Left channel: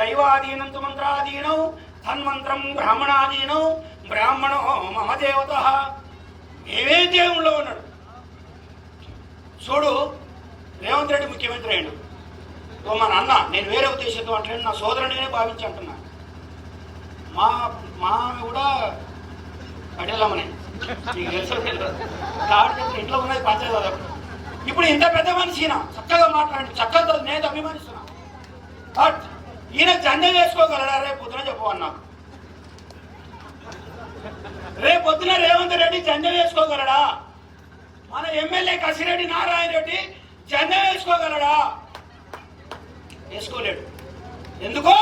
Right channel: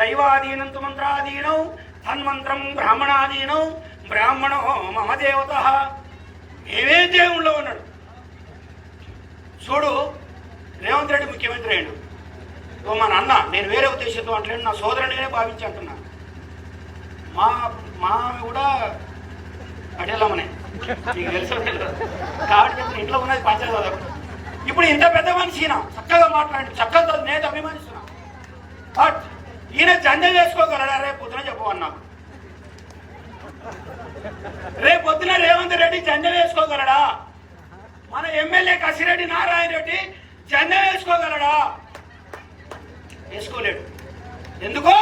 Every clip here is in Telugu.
దైవాధీనం తు మంత్రాధీనం తన్మంత్రం బ్రాహ్మణాధీనం బ్రాహ్మణో మమ దేవత. ఏమే దేవుళ్ళో ఉన్నాడు చూడు. రేవంత్ రెడ్డి ముఖ్యమంత్రి అయినా మా నాన్న, నేను వేరే ఉద్దేశంతో అంటే నా సోదరునిగానే భావించి అంటున్నా. మా కూడా అడేలమ్మనే నీకు తెలుసు కాబట్టి ఇంట్లో ఉన్నది పంచాయతీ. ఇప్పుడు ఇంత పెద్ద మనిషిన చక్కగా మాట్లాడి చక్కగా నేను అభిమానిస్తున్నా. బట్ ఈయన జంజ వేసుకోగలడా? రేపు పొద్దున చెప్పమని నాకు. రేపు పొద్దున రేవంత్ రెడ్డి జంజ వేసుకోగలడా? మన ఎమ్మెల్యే కసిరెడ్డి నారాయణ రెడ్డి జంజ వేసుకోగలడా? వేసుకోలేడు. ఎందుకో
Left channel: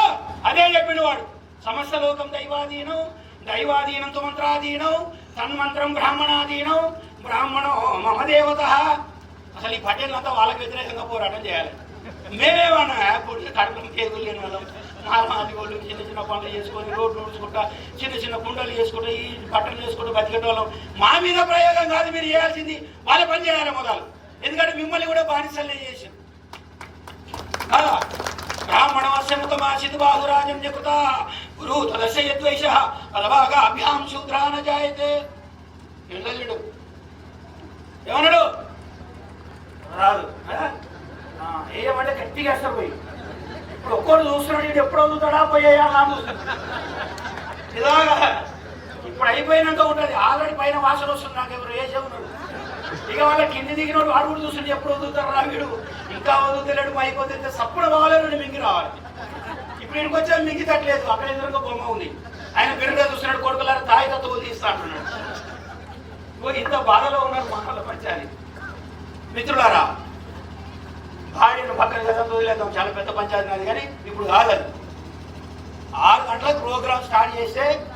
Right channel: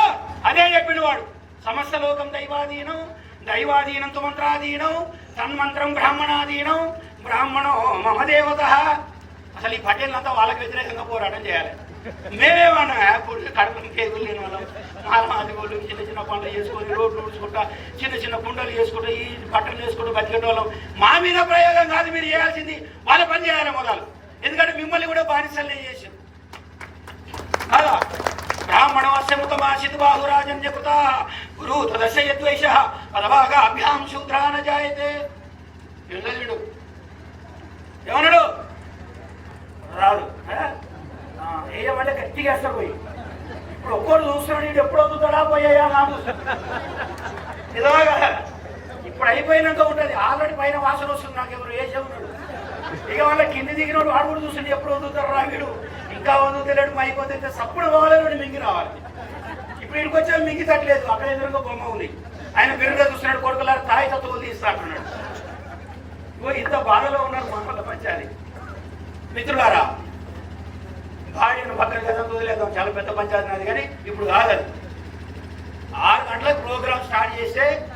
అదే చెప్పిన వాడు. సమస్త లోకం దైవాధీనం దైవాధీనం తు మంత్రాధీనం తన్మంత్రం బ్రాహ్మణాధీనం బ్రాహ్మణో మమ దేవత. అసలు ఈ పటేళ్ళంతా వాళ్ళకి వ్యతిరేకంగా పోరాటం చేయాలి. మేమేమన్నా కడుపులు కేకులు లేని వాళ్ళం, మాలమాది వాళ్ళు చిన్న చిన్న పనులు చేసుకొని రోడ్లు ఊడ్చుకుంటా చిన్న చిన్న కుండలు చేసుకుంటా ఈ బట్టలు చేసుకుంటూ బతికే వాళ్ళం. మా మీద ప్రయోగం కాదు మీరు చేయాల్సింది, వాళ్ళ పని చేయాలి మొదలు. ఎందుకంటే మిమ్మల్ని కూడా బానిసలే చేసింది కదా. బ్రాహ్మణ వశముతమాశిత్ బాహురాజన్యకృత గురు తదస్య యద్వైష పదవాగా అభ్యాం శూద్రాన జాయతే. తెలుసా ఏమన్నాడు? రాడు ఏమంటే గట్టిగా వేస్తారు పోయి. ఇప్పుడు ఒక్కడు చూస్తున్నాడు, నీకు ఎప్పుడు అవుతుందా పోయా నాకు ఇలాగా. ఇప్పుడు అయిపోయినాక ఉంటుంది, ఆల్రెడీ పైన వాసన వస్తుంది. నాకు ఎవరు వేసే ఉన్నాడు. ఇక వాళ్ళ కింది దిగినోడు వాడు కూడా చూస్తుంటే ఎప్పుడు వదులుతారు రా వీడు, ఇంకా వదులుతలేడు అయిపోతే సప్పుడు పోవాలని మింగి రావాలి. ఇప్పుడు ఇంటికి వచ్చా మింగితట్లేదు. అక్కడ ఎదురుగా బొమ్మ ఉంది, ఆయన పెరుగుగా చూస్తున్నాడు. కొడుకులాగా తాయి తత్వ తీస్తా అంటున్నాడు. ఇంత బాధలో ఉన్నారు మన పంచాయతీ. మిత్రులారా, భార్యను పక్కన చదవలేదు, చాలా పెద్ద పంచాయతీ నాది. కానీ ఇప్పుడు కాదు, 6 గంటలకు ప్రోగ్రామ్ స్టార్ట్ చేస్తే